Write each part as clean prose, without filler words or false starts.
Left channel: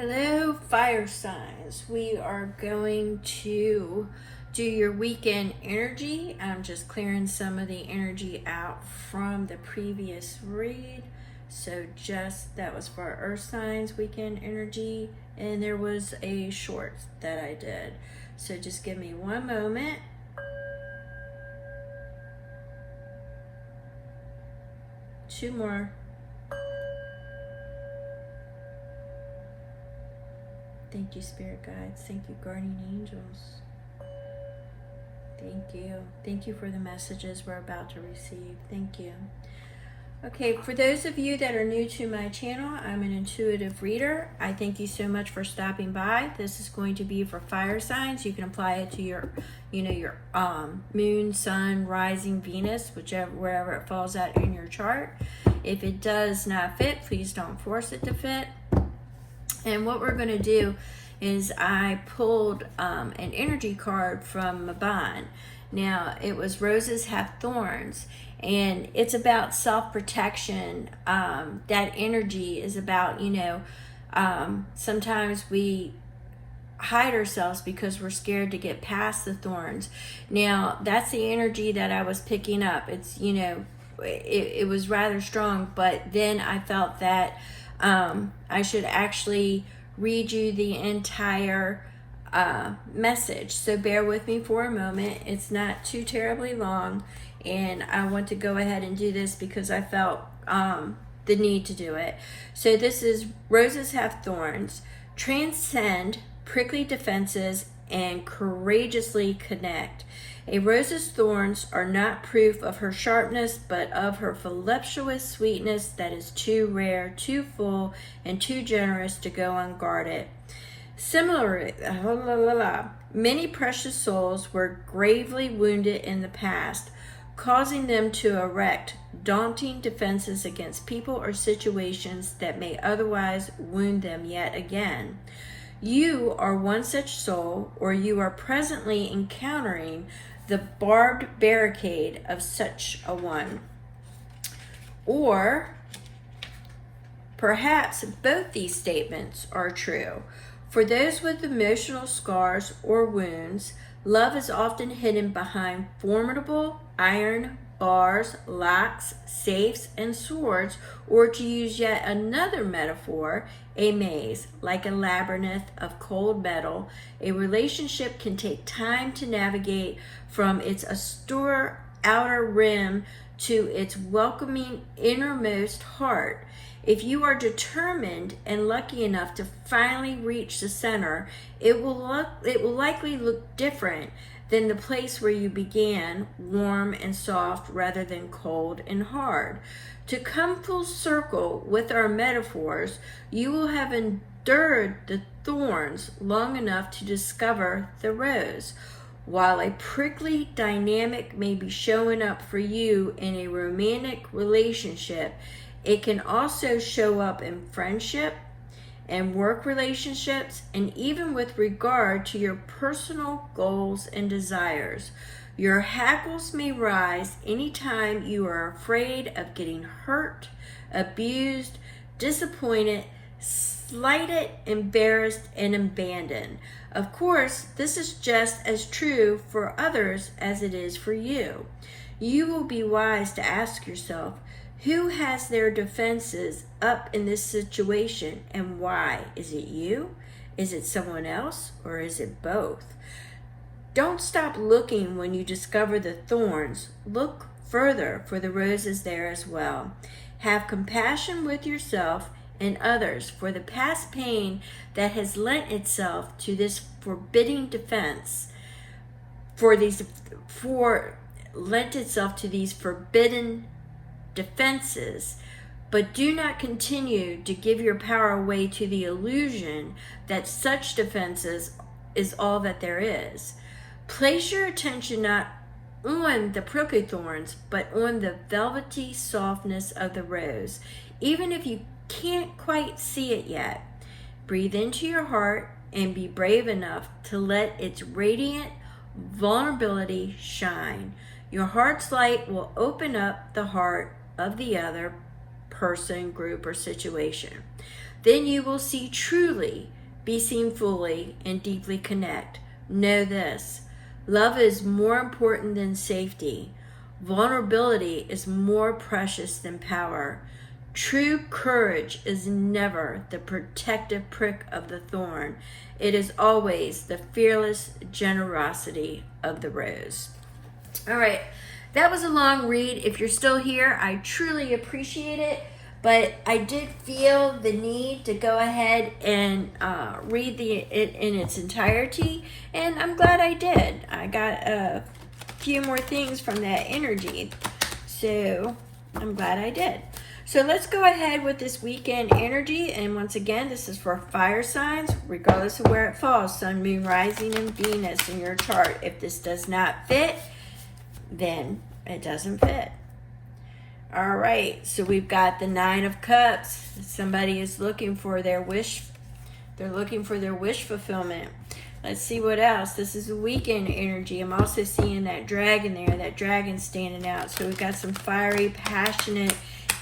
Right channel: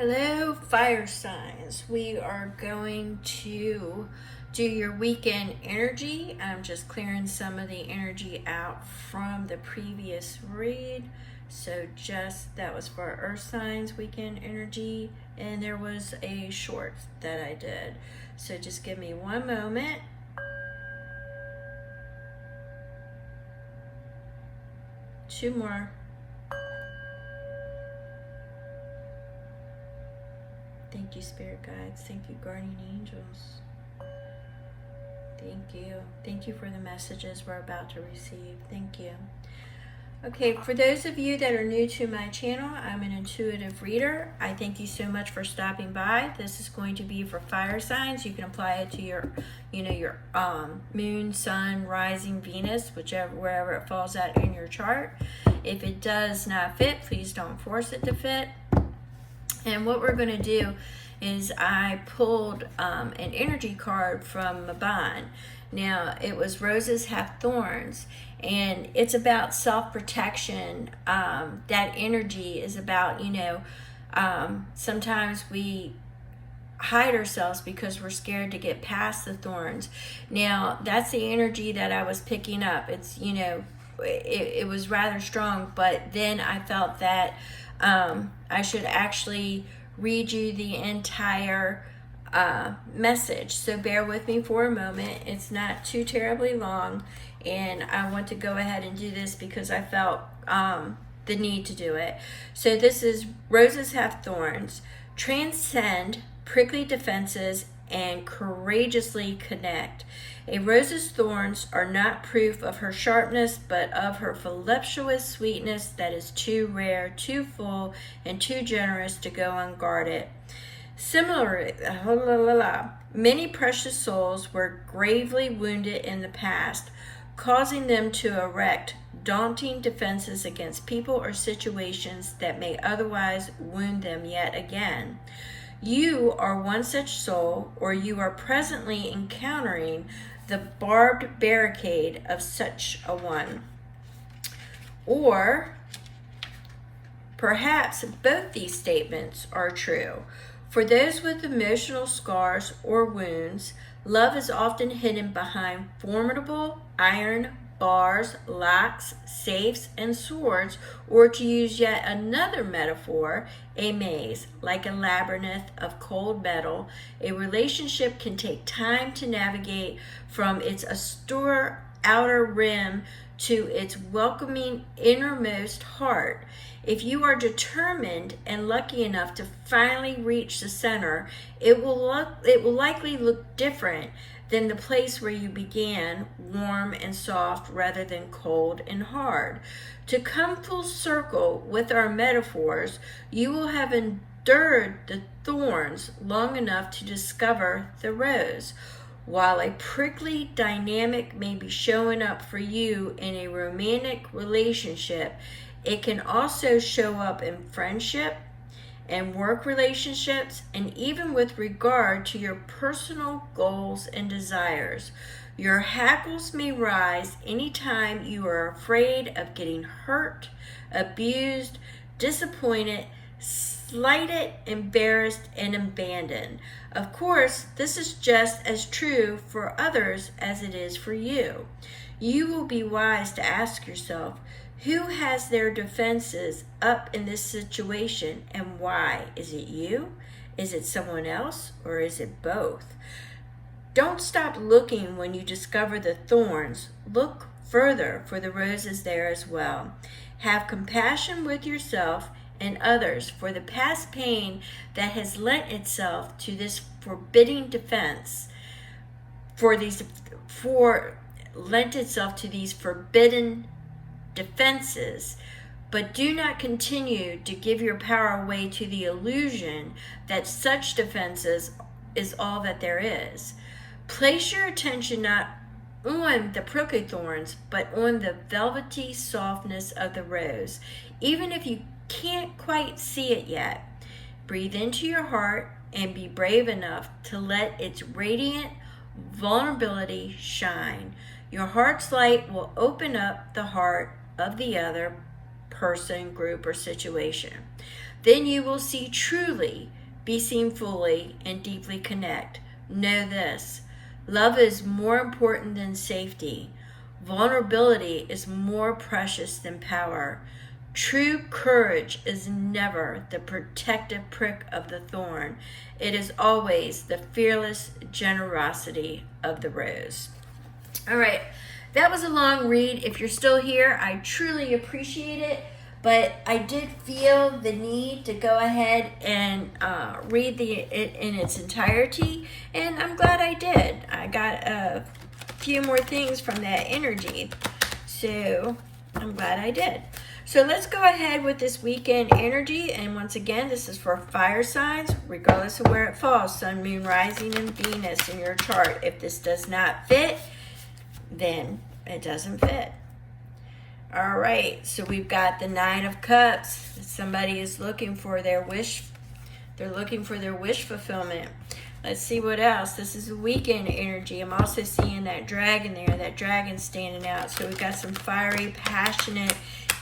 Hello, fire signs. We are going to do your weekend energy. I'm just clearing some of the energy out from the previous read. So that was for earth signs weekend energy, and there was a short that I did. So just give me one moment. Two more. Thank you, spirit guides. Thank you, guardian angels. Thank you. Thank you for the messages we're about to receive. Thank you. Okay, for those of you that are new to my channel, I'm an intuitive reader. I thank you so much for stopping by. This is going to be for fire signs. You can apply it to your, your moon, sun, rising, Venus, wherever it falls out in your chart. If it does not fit, please don't force it to fit. And what we're going to do is I pulled an energy card from Maban. Now, it was Roses Have Thorns, and it's about self-protection. That energy is about, sometimes we hide ourselves because we're scared to get past the thorns. Now, that's the energy that I was picking up. It's, it was rather strong, but then I felt that I should actually read you the entire message. So bear with me for a moment. It's not too terribly long, and I want to go ahead and do this because I felt the need to do it. So this is Roses Have Thorns. Transcend prickly defenses and courageously connect. A rose's thorns are not proof of her sharpness, but of her voluptuous sweetness that is too rare, too full, and too generous to go unguarded. Similarly, many precious souls were gravely wounded in the past, causing them to erect daunting defenses against people or situations that may otherwise wound them yet again. You are one such soul, or you are presently encountering the barbed barricade of such a one. Or perhaps both these statements are true. For those with emotional scars or wounds, love is often hidden behind formidable iron bars, locks, safes, and swords, or to use yet another metaphor, a maze, like a labyrinth of cold metal. A relationship can take time to navigate from its austere outer rim to its welcoming innermost heart. If you are determined and lucky enough to finally reach the center, it will likely look different than the place where you began, warm and soft rather than cold and hard. To come full circle with our metaphors, you will have endured the thorns long enough to discover the rose. While a prickly dynamic may be showing up for you in a romantic relationship, it can also show up in friendship and work relationships, and even with regard to your personal goals and desires. Your hackles may rise anytime you are afraid of getting hurt, abused, disappointed, slighted, embarrassed, and abandoned. Of course, this is just as true for others as it is for you. You will be wise to ask yourself, who has their defenses up in this situation, and why? Is it you? Is it someone else? Or is it both? Don't stop looking when you discover the thorns. Look further for the roses there as well. Have compassion with yourself and others for the past pain that has lent itself to this forbidding defense, lent itself to these forbidden defenses, but do not continue to give your power away to the illusion that such defenses is all that there is. Place your attention not on the prickly thorns, but on the velvety softness of the rose, even if you can't quite see it yet. Breathe into your heart and be brave enough to let its radiant vulnerability shine. Your heart's light will open up the heart of the other person, group, or situation. Then you will see truly, be seen fully, and deeply connect. Know this: love is more important than safety. Vulnerability is more precious than power. True courage is never the protective prick of the thorn. It is always the fearless generosity of the rose. All right, that was a long read. If you're still here, I truly appreciate it. But I did feel the need to go ahead and read it in its entirety, and I'm glad I did. I got a few more things from that energy, so I'm glad I did. So let's go ahead with this weekend energy, and once again, this is for fire signs, regardless of where it falls, Sun, Moon, Rising, and Venus in your chart. If this does not fit, then it doesn't fit. All right, so we've got the Nine of Cups. Somebody is looking for their wish. They're looking for their wish fulfillment. Let's see what else. This is a weekend energy. I'm also seeing that dragon there. That dragon standing out. So we've got some fiery, passionate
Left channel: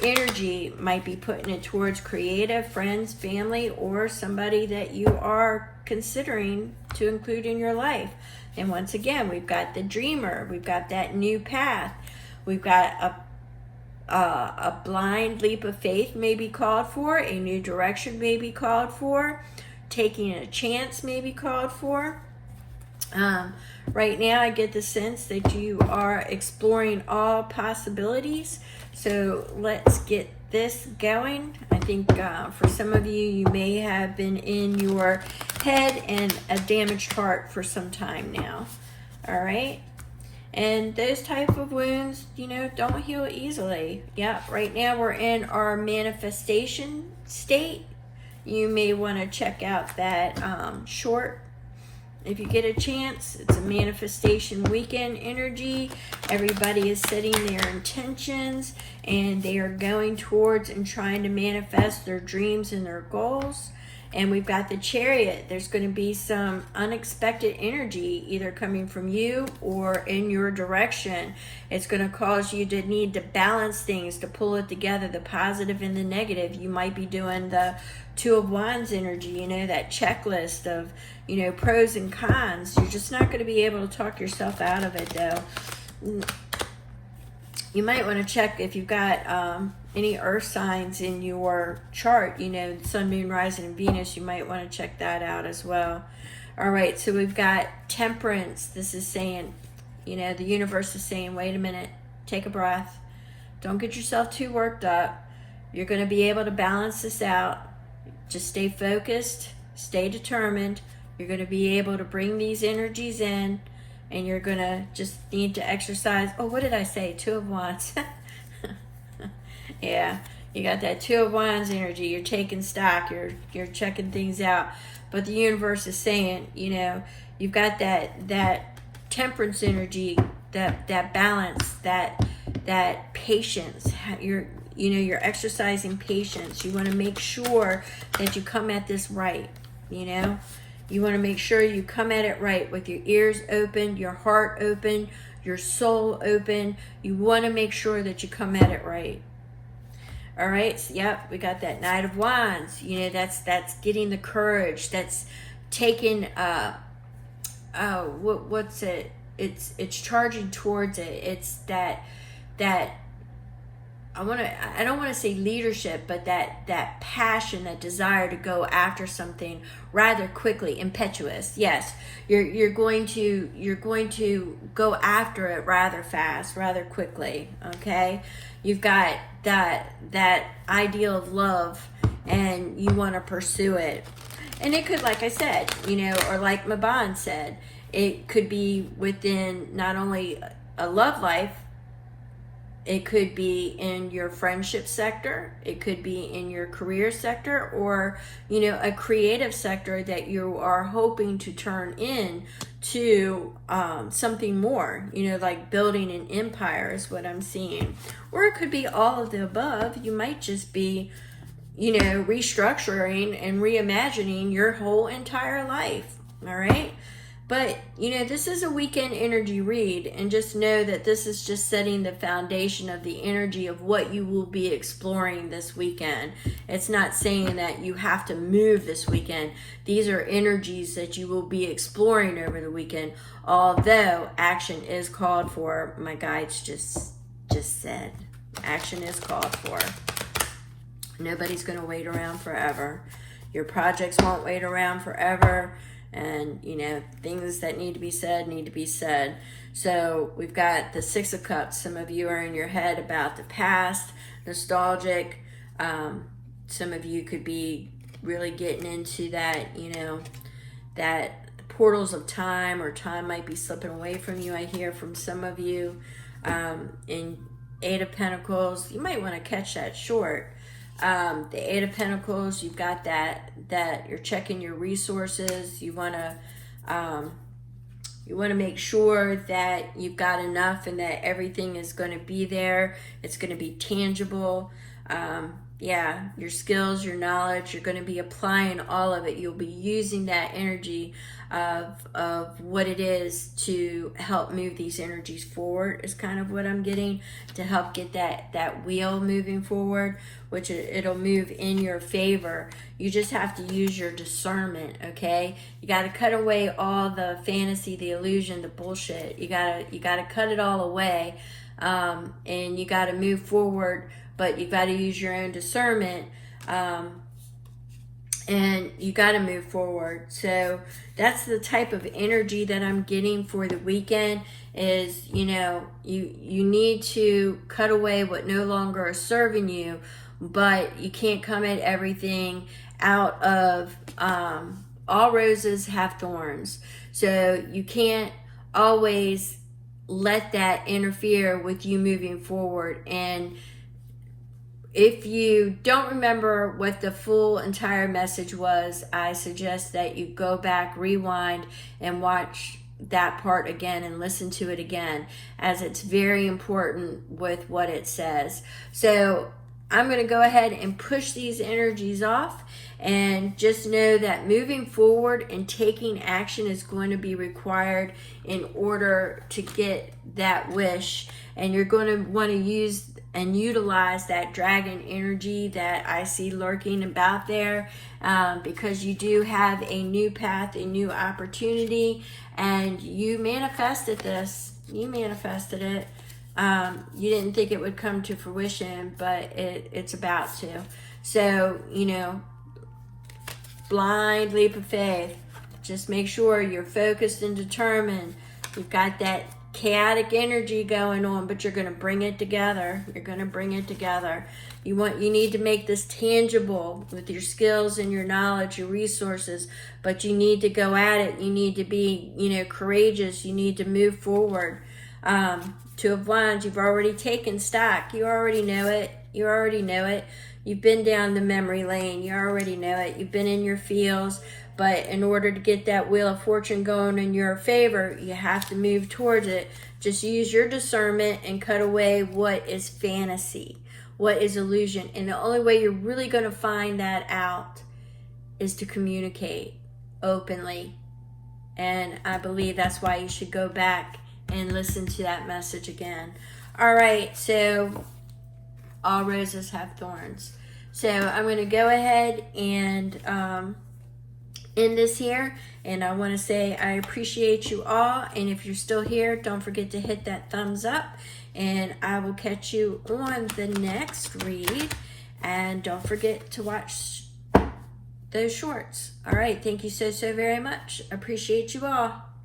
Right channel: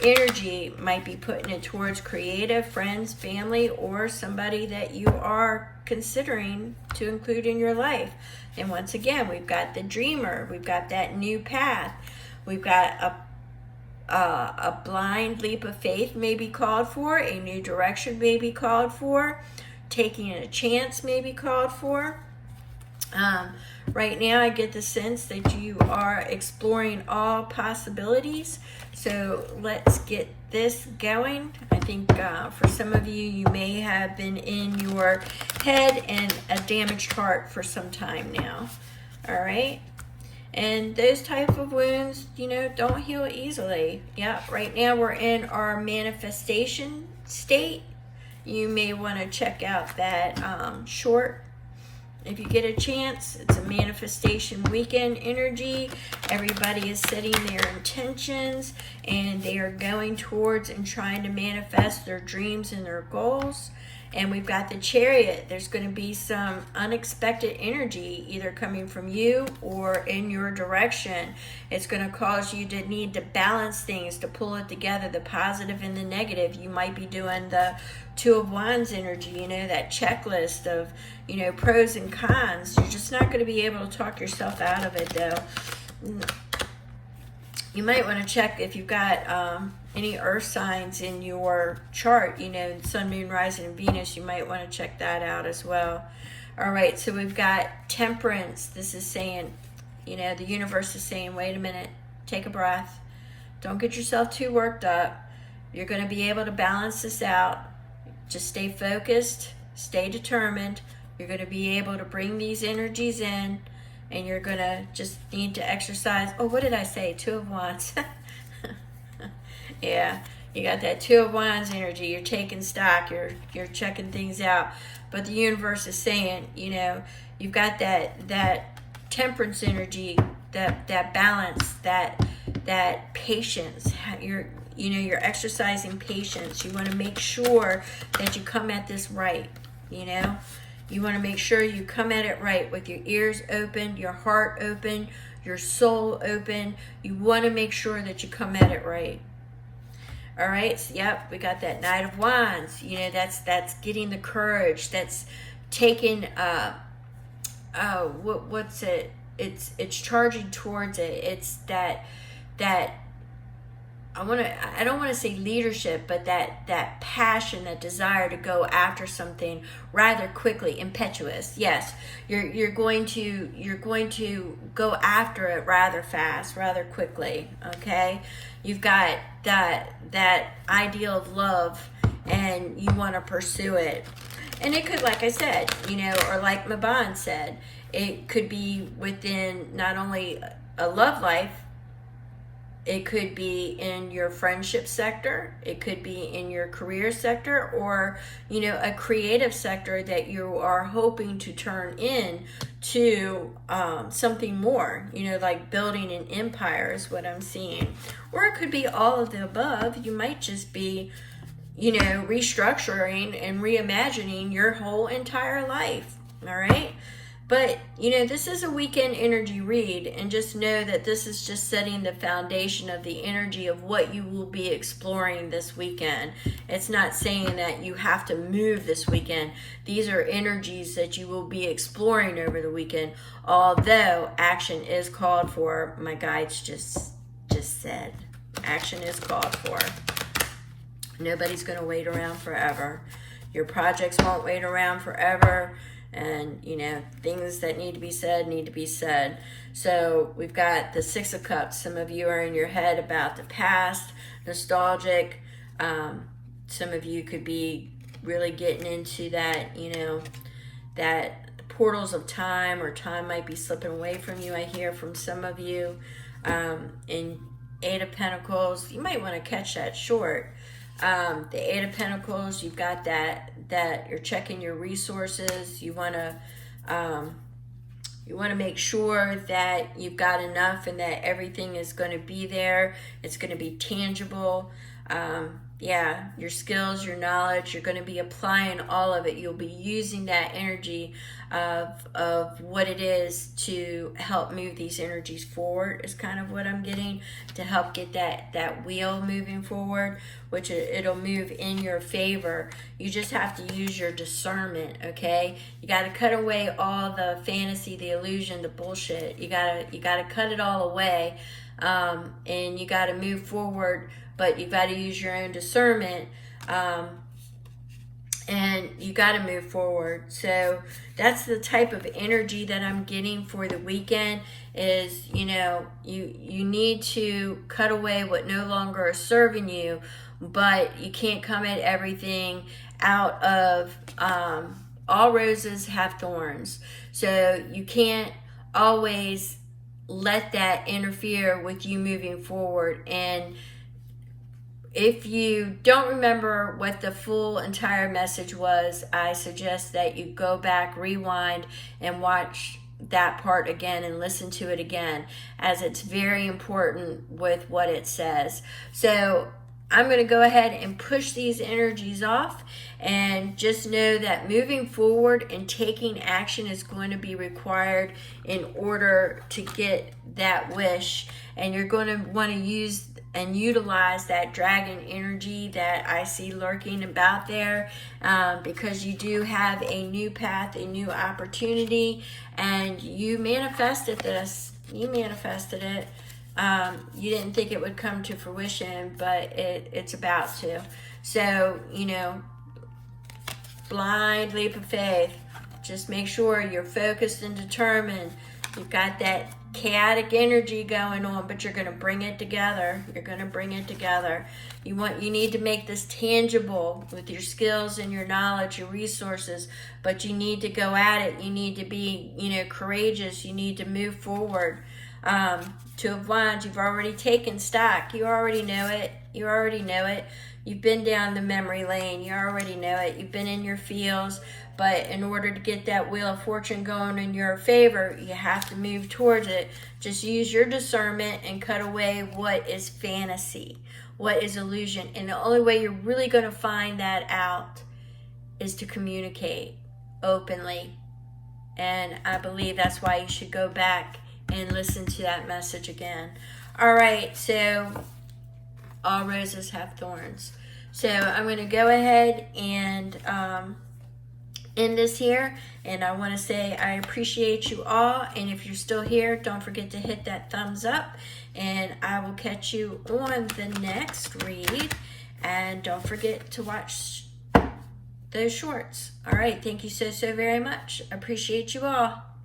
energy. Might be putting it towards creative, friends, family, or somebody that you are considering to include in your life. And once again, we've got the dreamer. We've got that new path. We've got a blind leap of faith may be called for. A new direction may be called for. Taking a chance may be called for. Right now, I get the sense that you are exploring all possibilities. So let's get this going. I think for some of you, you may have been in your head and a damaged heart for some time now. All right. And those type of wounds, don't heal easily. Yeah, right now we're in our manifestation state. You may want to check out that short. If you get a chance, it's a manifestation weekend energy. Everybody is setting their intentions and they are going towards and trying to manifest their dreams and their goals. And we've got the Chariot. There's going to be some unexpected energy either coming from you or in your direction. It's going to cause you to need to balance things, to pull it together, the positive and the negative. You might be doing the Two of Wands energy, that checklist of, pros and cons. You're just not going to be able to talk yourself out of it, though. You might want to check if you've got any earth signs in your chart, Sun, Moon, Rising, Venus. You might want to check that out as well. All right, so we've got Temperance. This is saying, the universe is saying, wait a minute, take a breath. Don't get yourself too worked up. You're going to be able to balance this out. Just stay focused, stay determined. You're going to be able to bring these energies in. And you're going to just need to exercise. Oh, what did I say? Two of Wands. Yeah, you got that Two of Wands energy. You're taking stock. You're checking things out. But the universe is saying, you've got that temperance energy, that balance, that patience. You're exercising patience. You want to make sure that you come at this right, You want to make sure you come at it right with your ears open, your heart open, your soul open. You want to make sure that you come at it right. All right. So, yep, we got that Knight of Wands. That's getting the courage. That's taking what's it? It's charging towards it. It's that I don't want to say leadership, but that passion, that desire to go after something rather quickly, impetuous. Yes, you're going to go after it rather fast, rather quickly. Okay, you've got that ideal of love, and you want to pursue it. And it could, like I said, or like Maban said, it could be within not only a love life. It could be in your friendship sector. It could be in your career sector, or, a creative sector that you are hoping to turn in to something more, like building an empire is what I'm seeing. Or it could be all of the above. You might just be, restructuring and reimagining your whole entire life. All right. But, you know, this is a weekend energy read, and just know that this is just setting the foundation of the energy of what you will be exploring this weekend. It's not saying that you have to move this weekend. These are energies that you will be exploring over the weekend, although action is called for. My guides just said action is called for. Nobody's going to wait around forever. Your projects won't wait around forever. And, you know, things that need to be said need to be said. So we've got the Six of Cups. Some of you are in your head about the past, nostalgic. Some of you could be really getting into that, you know, that portals of time, or time might be slipping away from you. I hear from some of you. In Eight of Pentacles, you might want to catch that short. The Eight of Pentacles, you've got that you're checking your resources. You want to make sure that you've got enough and that everything is going to be there. It's going to be tangible. Yeah, your skills, your knowledge, you're going to be applying all of it. You'll be using that energy of what it is to help move these energies forward, is kind of what I'm getting, to help get that wheel moving forward, which it'll move in your favor. You just have to use your discernment, okay? You got to cut away all the fantasy, the illusion, the bullshit. You got to cut it all away, and you got to move forward, but you got to use your own discernment, and you got to move forward. So that's the type of energy that I'm getting for the weekend, is, you know, you need to cut away what no longer is serving you, but you can't come at everything out of, all roses have thorns. So you can't always let that interfere with you moving forward. And if you don't remember what the full entire message was, I suggest that you go back, rewind, and watch that part again and listen to it again, as it's very important with what it says. So I'm going to go ahead and push these energies off, and just know that moving forward and taking action is going to be required in order to get that wish. And you're going to want to use and utilize that dragon energy that I see lurking about there, because you do have a new path, a new opportunity, and you manifested this. You manifested it. You didn't think it would come to fruition, but it's about to. So, you know, blind leap of faith. Just make sure you're focused and determined. You've got that chaotic energy going on, but you're going to bring it together. You're going to bring it together. You need to make this tangible with your skills and your knowledge, your resources, but you need to go at it. You need to be, you know, courageous. You need to move forward. Two of Wands, you've already taken stock. You already know it. You already know it. You've been down the memory lane. You already know it. You've been in your feels. But in order to get that Wheel of Fortune going in your favor, you have to move towards it. Just use your discernment and cut away what is fantasy, what is illusion. And the only way you're really going to find that out is to communicate openly. And I believe that's why you should go back and listen to that message again. All right, so all roses have thorns. So I'm going to go ahead and end this here, and I want to say I appreciate you all, and if you're still here, don't forget to hit that thumbs up, and I will catch you on the next read, and don't forget to watch those shorts. All right, thank you so very much. Appreciate you all.